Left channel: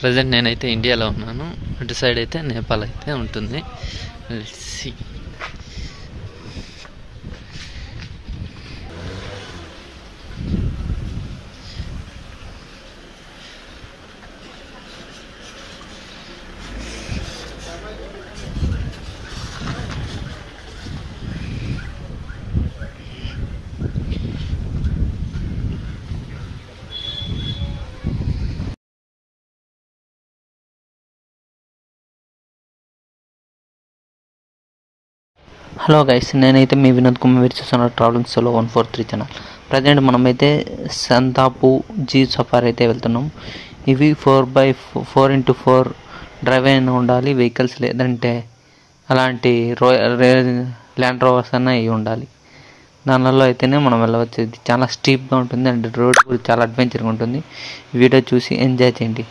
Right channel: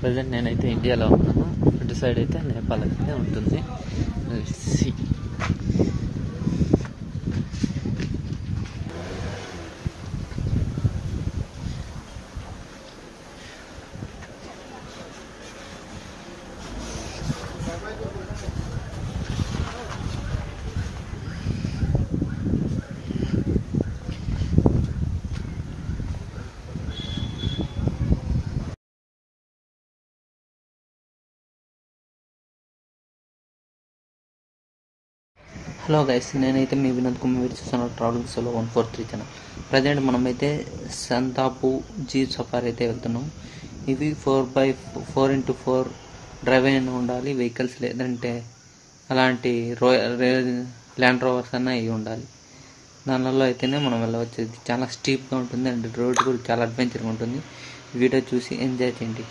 Present నేనైతే ఇండియాలో ఉన్నాను. అటు సైడ్ అయితే నేపాల్ అయితే ఉంటుంది. Let's see. హలో గైస్, నేనైతే మీ వినోద్ కుమార్ మీరు చూస్తున్న ట్రావెలింగ్ సోలో 143 ఛానల్. ప్రజెంట్ మనమైతే సంతాపు జీ సఫారీ అయితే వెళ్తున్నాం. ఇవి 4x4 డ్రైవ్ అయినా ఉండాలి వెహికల్స్, లేదంటే అలాంటి ల్యాండ్ రోవర్స్ అన్న ఇవి ఉండాలి. దానిలో అయితేనే మనం వెళ్ళవచ్చు. ఇది చాలా స్టీప్గా ఉంటుంది అండ్ రోడ్ కూడా చాలా అడ్వెంచర్గా ఉంటుంది. వీడియో చూసి ఎంజాయ్ చేయండి.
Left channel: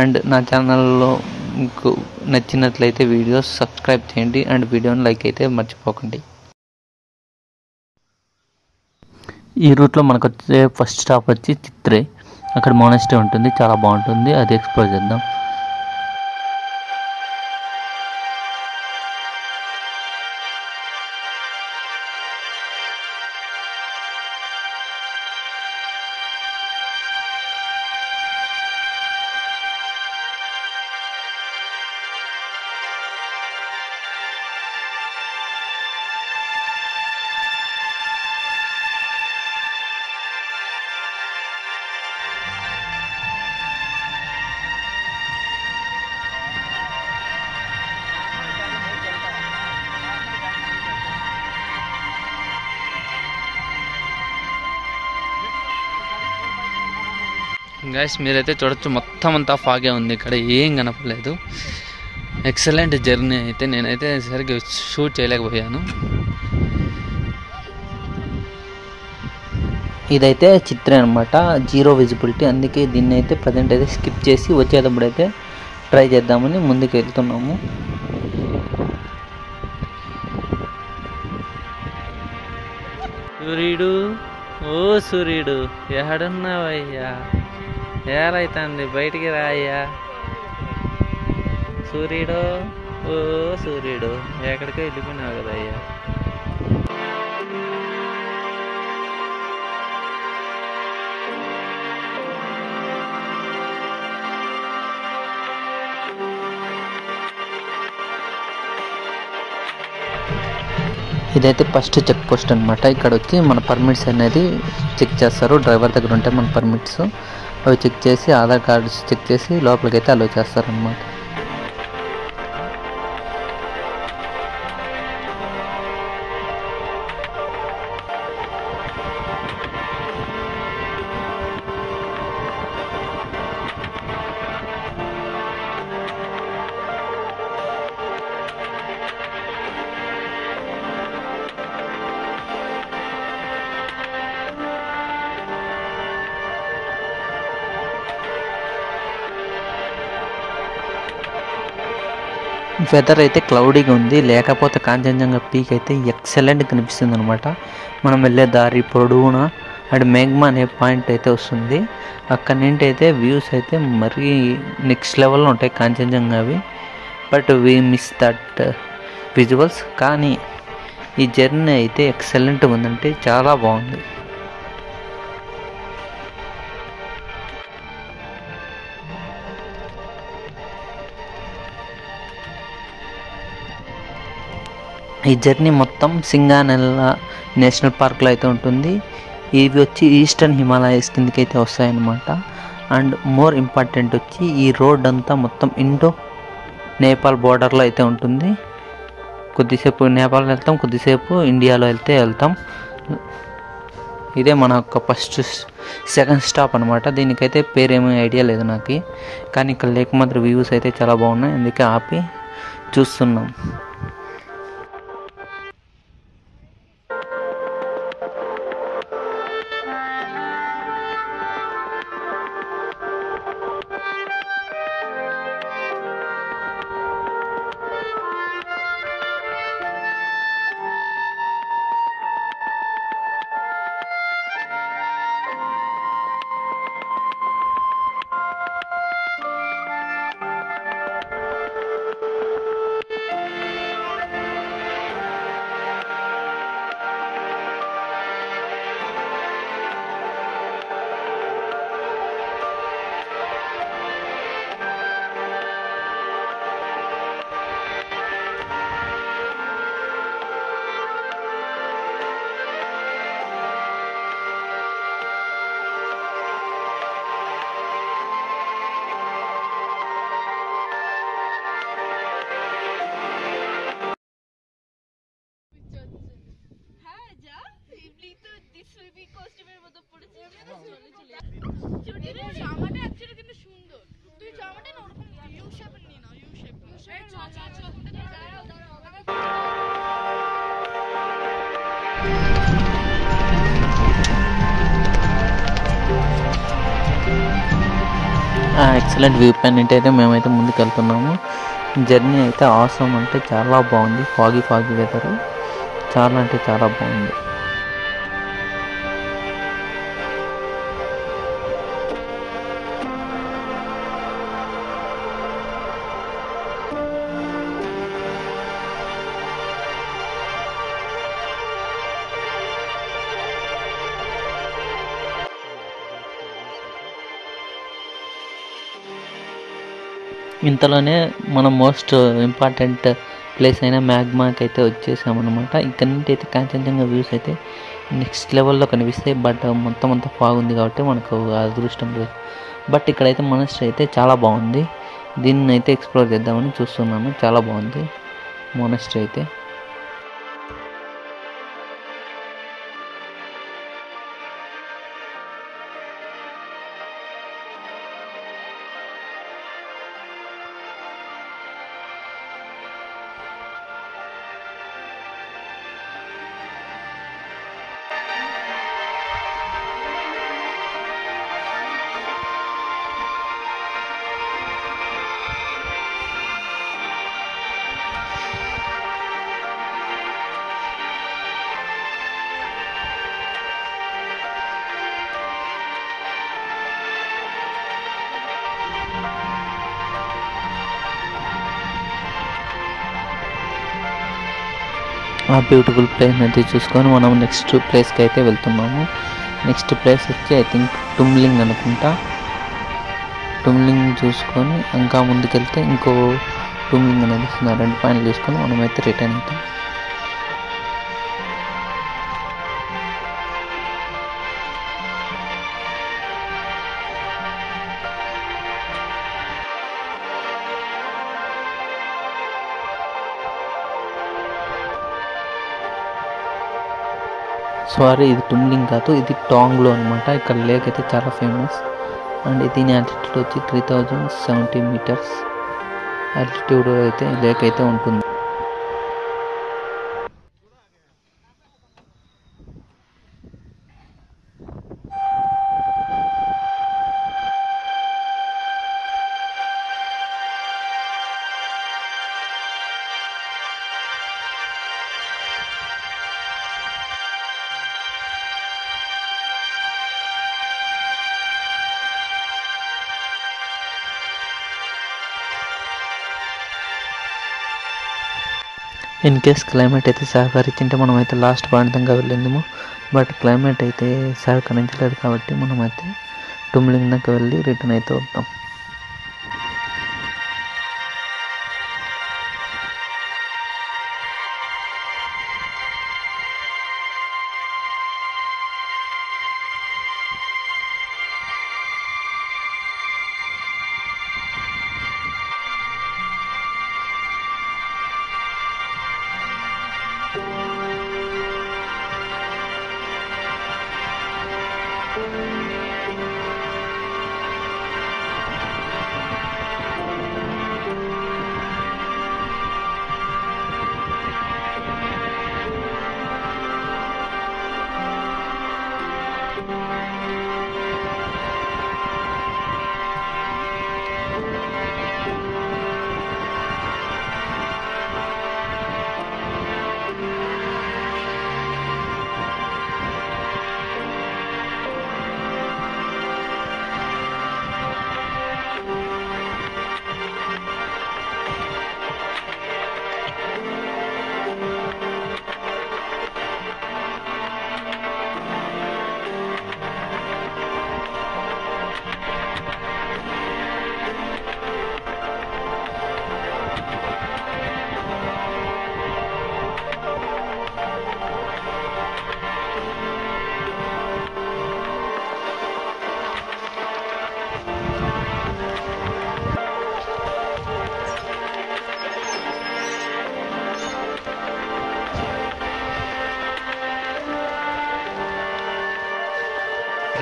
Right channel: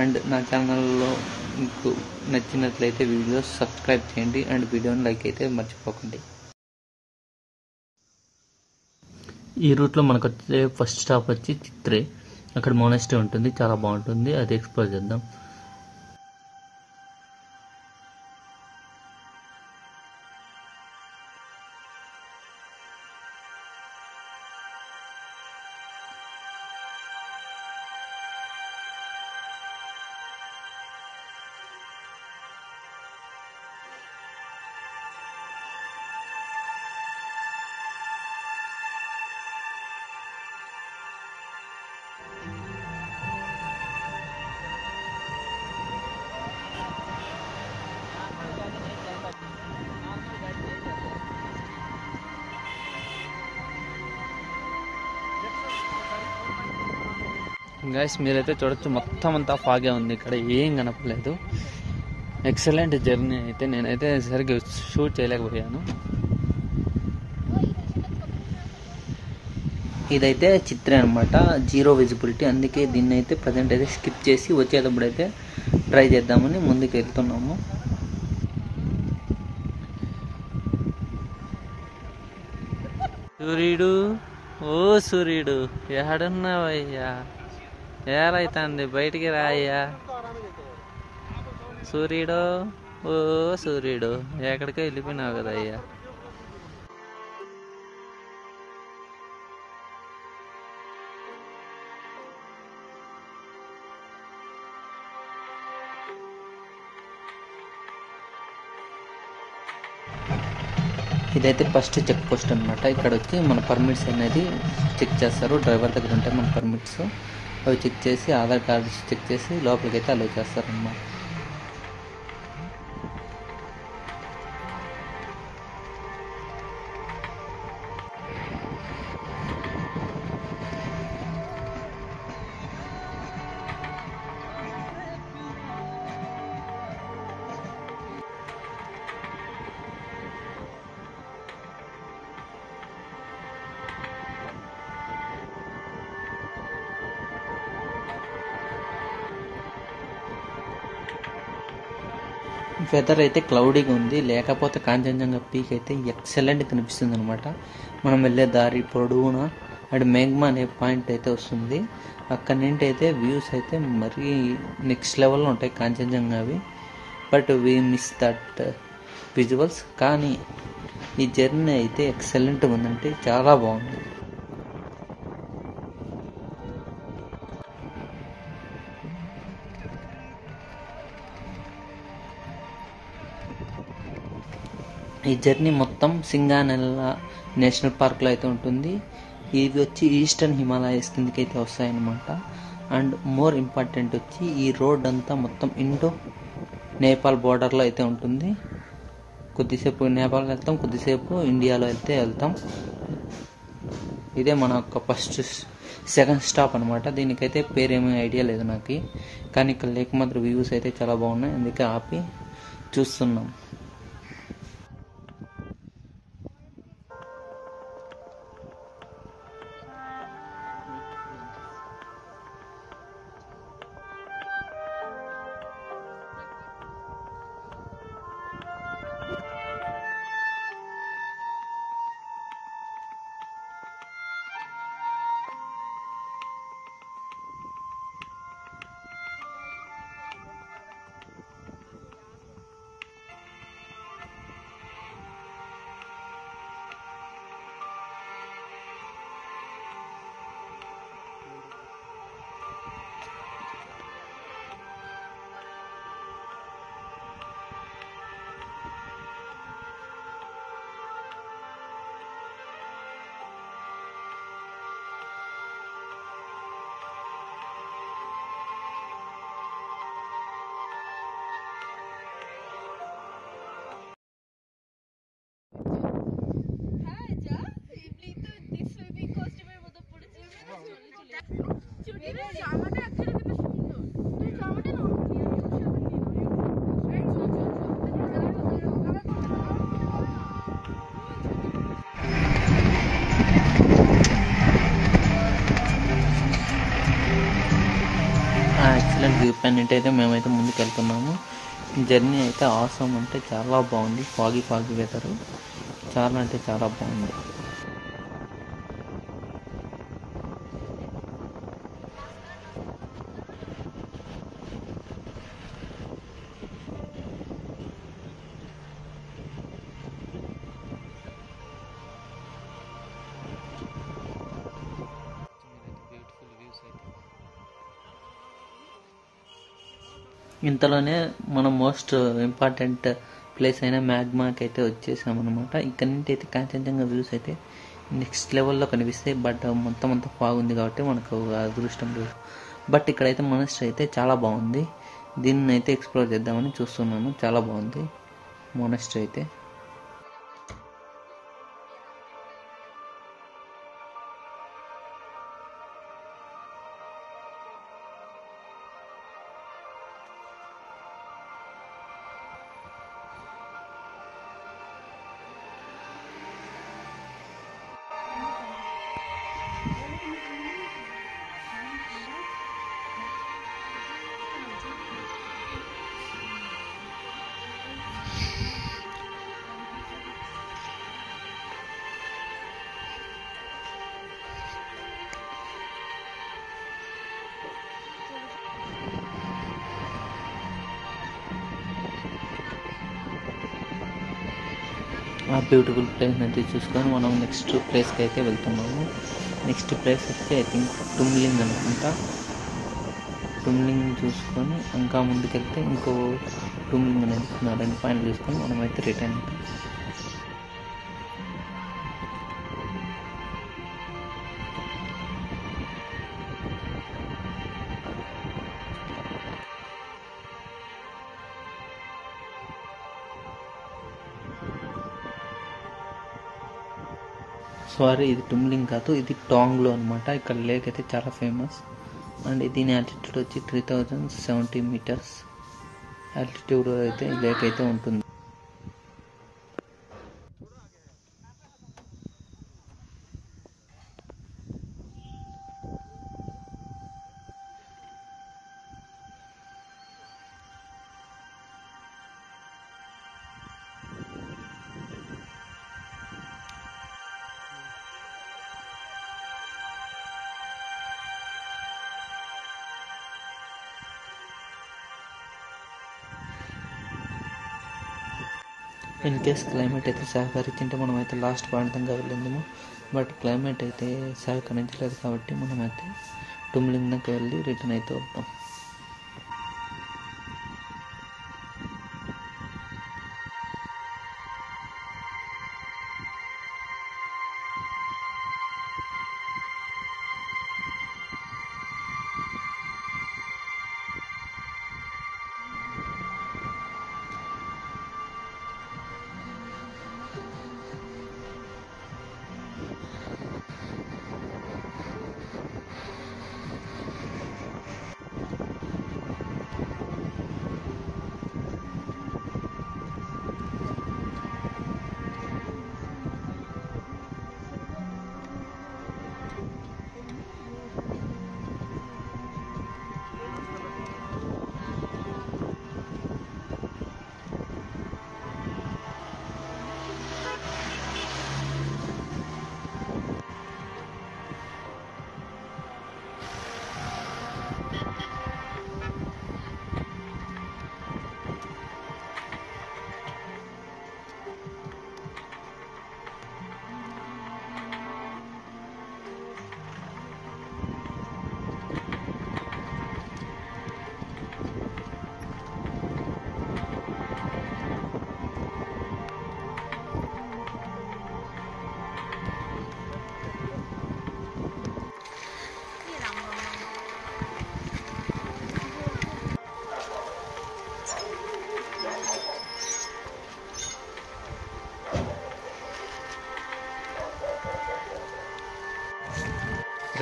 అండ్ నా ఛానల్లో మీకు నచ్చినట్లయితే వీడియోస్ సబ్స్క్రైబ్ చేయండి అండ్ వీడియోని లైక్ అయితే మర్చిపోకండి. ఈ రూట్లో మనకు వచ్చే ఫస్ట్ స్టాప్ వచ్చి చిత్రే. అక్కడ మోనస్ట్రీ ఉంటుంది, చాలా బాగుంటుంది. అది ఎక్స్ప్లోర్ చేద్దాం. గైస్, మీరైతే చూడొచ్చు, మొత్తం అంతా ఫాగే ఉంది. ఇక్కడ ఏం కనపడలేదు. ఎక్సలెంట్ జర్నీ అయితే. నేనైతే సరిగ్గా షూట్ చేయలేకపోయాను. ఇదైతే చిత్రం అనమాట, జీరో విజిబిలిటీ. అందుకే దీన్ని అయితే ప్రజెంట్ అయితే స్కిప్ చేసి వచ్చేటప్పుడు అయితే ట్రై చేద్దామని ముందుకు వెళ్తున్నాము. సూర్యుడు, ఓ సూర్యుడు, ఎక్కడున్నావయ్యా? ఏరైతుంది, బయటికి రాయ్యా సూర్యుడు. ఓ సూర్యుడు, ఎక్కడికో వెళ్ళిపోయినావు కదయ్యా. ఇదైతే ఫస్ట్ చెక్ పోస్ట్ అనమాట. ఇక్కడ వచ్చి మన పర్మిట్స్ అనేది చెక్ చేస్తారు. డ్రైవర్ దగ్గర ఉంటాయి మన పర్మిట్స్. అవి చెక్ చేసి ఆధార్ కార్డ్స్ చెక్ చేసి లోపలికి అయితే అలో చేస్తారనమాట. వెదర్ అయితే క్లౌడీగా ఉంది, లేకపోతే కాంచనజంగా పీక్ అయితే ఎక్సలెంట్ కనిపిస్తుంది అనమాట. మనం వెళ్ళే దారి పొడవునా అటు మేఘ్మా అనే పాయింట్ అయితే వస్తుంది. అక్కడి నుండి అయితే వ్యూస్ అయితే మరీ నెక్స్ట్ లెవెల్లో ఉంటాయి కాంచనజంగావి. But we miss that visuals. కానీ ఈ జర్నీ అయితే ఎక్సలెంట్గా ఉందంటే చాలా బాగుంది. ఈ జర్నీ మొత్తం సింగానెల్లా నేషనల్ పార్క్లో అయితే ఉంటుంది. ఇవి వచ్చి ఈస్టర్న్ హిమాలయస్ కిందకి అయితే వస్తాయన్నమాట. అండ్ మోర్ ఇంపార్టెంట్ వచ్చి ఈ రోడ్ అంతా మొత్తం ఇండో నేపాల్ బోర్డర్లో అయితే ఉంటుంది. కొద్దిసేపు నేపాల్ వెళ్తాం, కొద్దిసేపు ఇండియాలో వెళ్తాం. ఇదే మన యొక్క ఫస్ట్ సెకండ్ స్టాప్ అనమాట. దీనికైతే పేరేమీ ఐడియా లేదు నాకు, కానీ ఇక్కడ లేక మాత్రం వ్యూస్ అయితే చాలా బాగున్నాయి. అందుకే ఆపి చూస్తున్నాం. ఎక్సలెంట్ వ్యూ పాయింట్ అయితే మేమైతే ముందుకు వెళ్తున్నాము. జర్నీ అయితే ఆసమ్ అంటే చాలా బాగుంది. ఫాగీ వెదర్ చాలా అంటే చాలా బాగుంది. ఇంతలోనే మనం మోస్ట్ ఇంపార్టెంట్ ప్లేస్ అయిన మ్యాగ్మాకి అయితే వచ్చేసామన్నమాట. ఇక్కడ నుండి అయితే కాంచనజంగా వ్యూస్ అయితే నెక్స్ట్ లెవెల్లో కనిపిస్తాయి. బట్ మొత్తం అంతా ఫాగ్ ఉంది కాబట్టి మనకు అదృష్టం లేదు. బట్ ఇక్కడైతే మొనస్ట్రీ అయితే చాలా బాగుంది. దీన్ని అయితే ఎక్స్ప్లోర్ చేద్దామని చూస్తున్నాను. చాలా బాగుంది మొనస్ట్రీ అయితే. ఆ బ్యూటిఫుల్ ప్లేస్ అయితే చూసుకొని మనం నెక్స్ట్ ప్లేస్కి అయితే వెళ్తున్నాము. నెక్స్ట్ ప్లేస్ వచ్చి ఐ థింక్ టుమ్లింగ్ అనుకుంటా. టుమ్లింగ్ చూసుకొని ఇంకా ముందుకెళ్తే ఇంకో టుమ్లింగ్ అనేది 2 పాయింట్లు చూసుకొని మనమైతే రిటర్న్ అవుతాం. సారీ, ఇది టుమ్లింగ్ కాదు, ఇది టాంగ్లో అనమాట. ఇక్కడ లేక్ అయితే చాలా ఫేమస్. అండ్ దీని ఆల్టిట్యూడ్ వచ్చి 3070 మీటర్స్ ఆల్టిట్యూడ్ అయితే లేక్ అయితే ఉంటుంది. ఇన్ కేస్ క్లైమేట్ అయితే సహకరించింటే మనమైతే లాస్ట్ పాయింట్ దాకా వెళ్ళిందేమో. బట్ క్లైమేట్ అయితే సహకరించలేదు కాబట్టి మనమైతే టుమ్లింగ్ దాకా వెళ్ళి రిటర్న్ అయితే వద్దాం.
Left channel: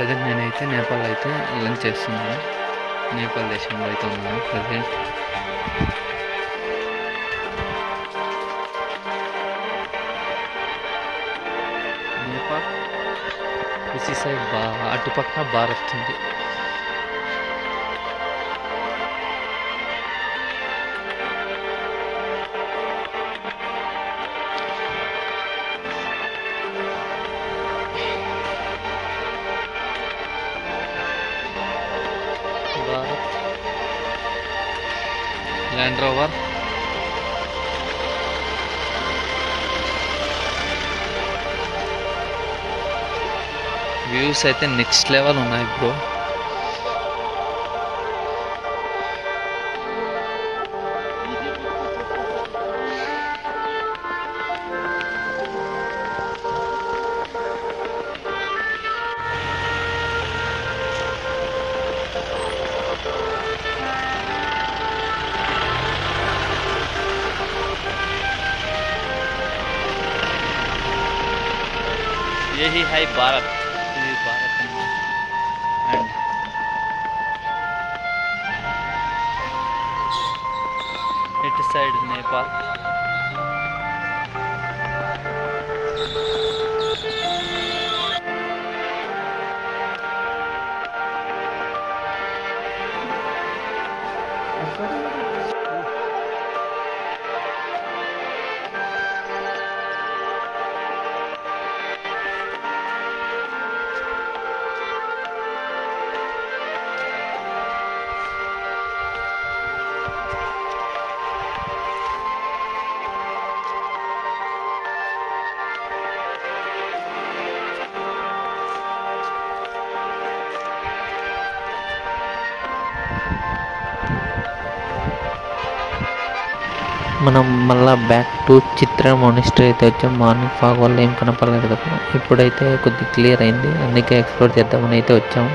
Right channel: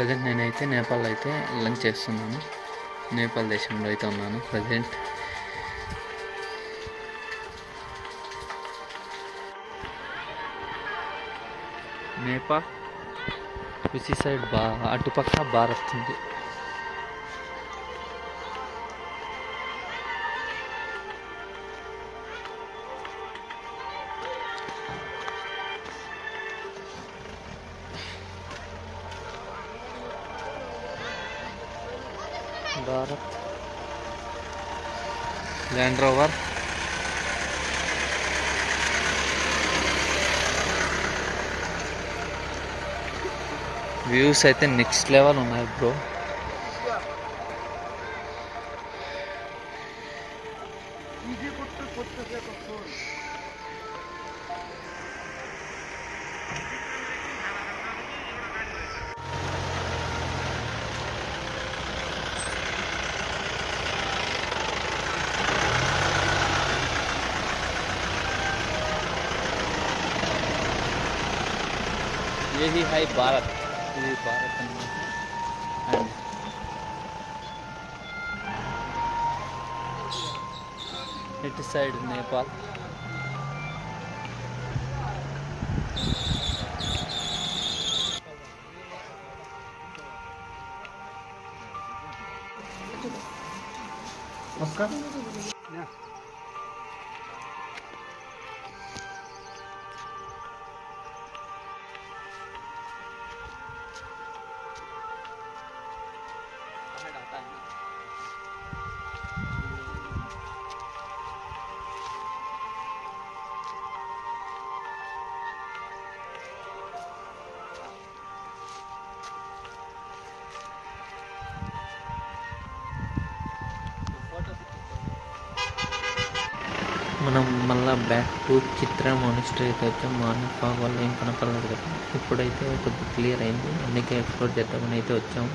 ప్రజెంట్ నేనైతే నేపాల్ అయితే లంచ్ చేస్తున్నాను. నేపాల్ దేశంలో అయితే ఉన్నాను ప్రజెంట్. నేపాల్ విచి సైడ్ అటుపక్క భారత్ ఉంది. భారత్ ల్యాండ్ రోవర్ వ్యూస్ అయితే నెక్స్ట్ లెవెల్ ఉన్నాయి బ్రో. यही है भारत. ఇది భారత్ అన్నమాట. అండ్ ఇటు సైడ్ నేపాల్. మనం మళ్ళీ బ్యాక్ టు చిత్ర మానిస్టర్ అయితే వచ్చాం. మార్నింగ్ ఫాగ్ వల్ల ఏం కనపడలేదు కదా, ఇప్పుడైతే కొద్దిగా క్లియర్ అయింది, అందుకే ఎక్స్ప్లోర్ చేద్దామని అయితే వచ్చాము.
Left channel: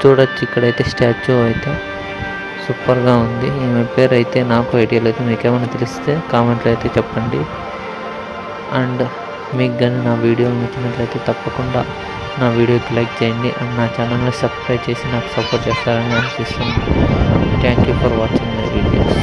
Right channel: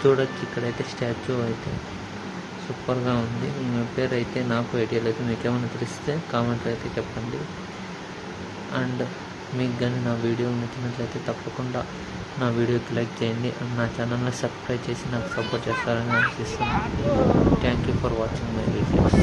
చూడొచ్చు ఇక్కడైతే స్టాచ్యూ అయితే సూపర్గా ఉంది. ఈమె పేరు అయితే నాకు ఐడియా లేదు, మీకేమైనా తెలిస్తే కామెంట్లో అయితే చెప్పండి. అండ్ మీకు కానీ నా వీడియో నచ్చినట్లయితే తప్పకుండా నా వీడియోకి లైక్ చేయండి అండ్ నా ఛానల్ని సబ్స్క్రైబ్ చేసి నాకు సపోర్ట్ చేస్తారని ఆశిస్తున్నాను. Thank you for watching my videos.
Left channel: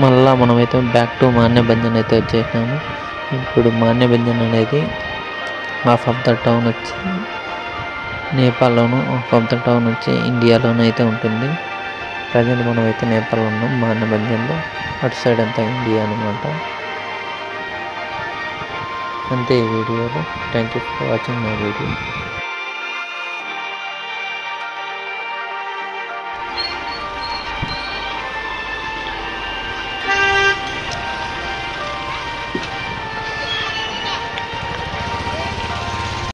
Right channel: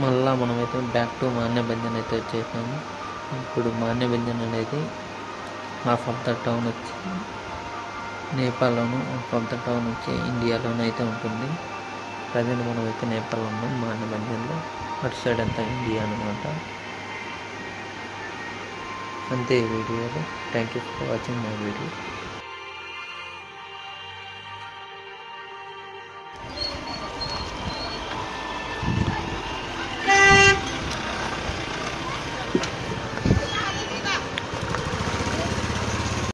మళ్ళీ మనమైతే బ్యాక్ టు మాన్యభంజన్ అయితే వచ్చేసాము. ఇప్పుడు మాన్యభంజన్ అనేది హాఫ్ ఆఫ్ ద టౌన్ వచ్చి నేపాల్లోను, హాఫ్ ఆఫ్ ద టౌన్ వచ్చి ఇండియాలోనూ అయితే ఉంటుంది. ప్రజెంట్ మనమైతే నేపాల్లో ఉన్నాం, మాన్యభంజన్లో. అటు సైడ్ అంతా ఇండియా అనమాట. అంతే ఈ వీడియోలో. Thank you for watching my video.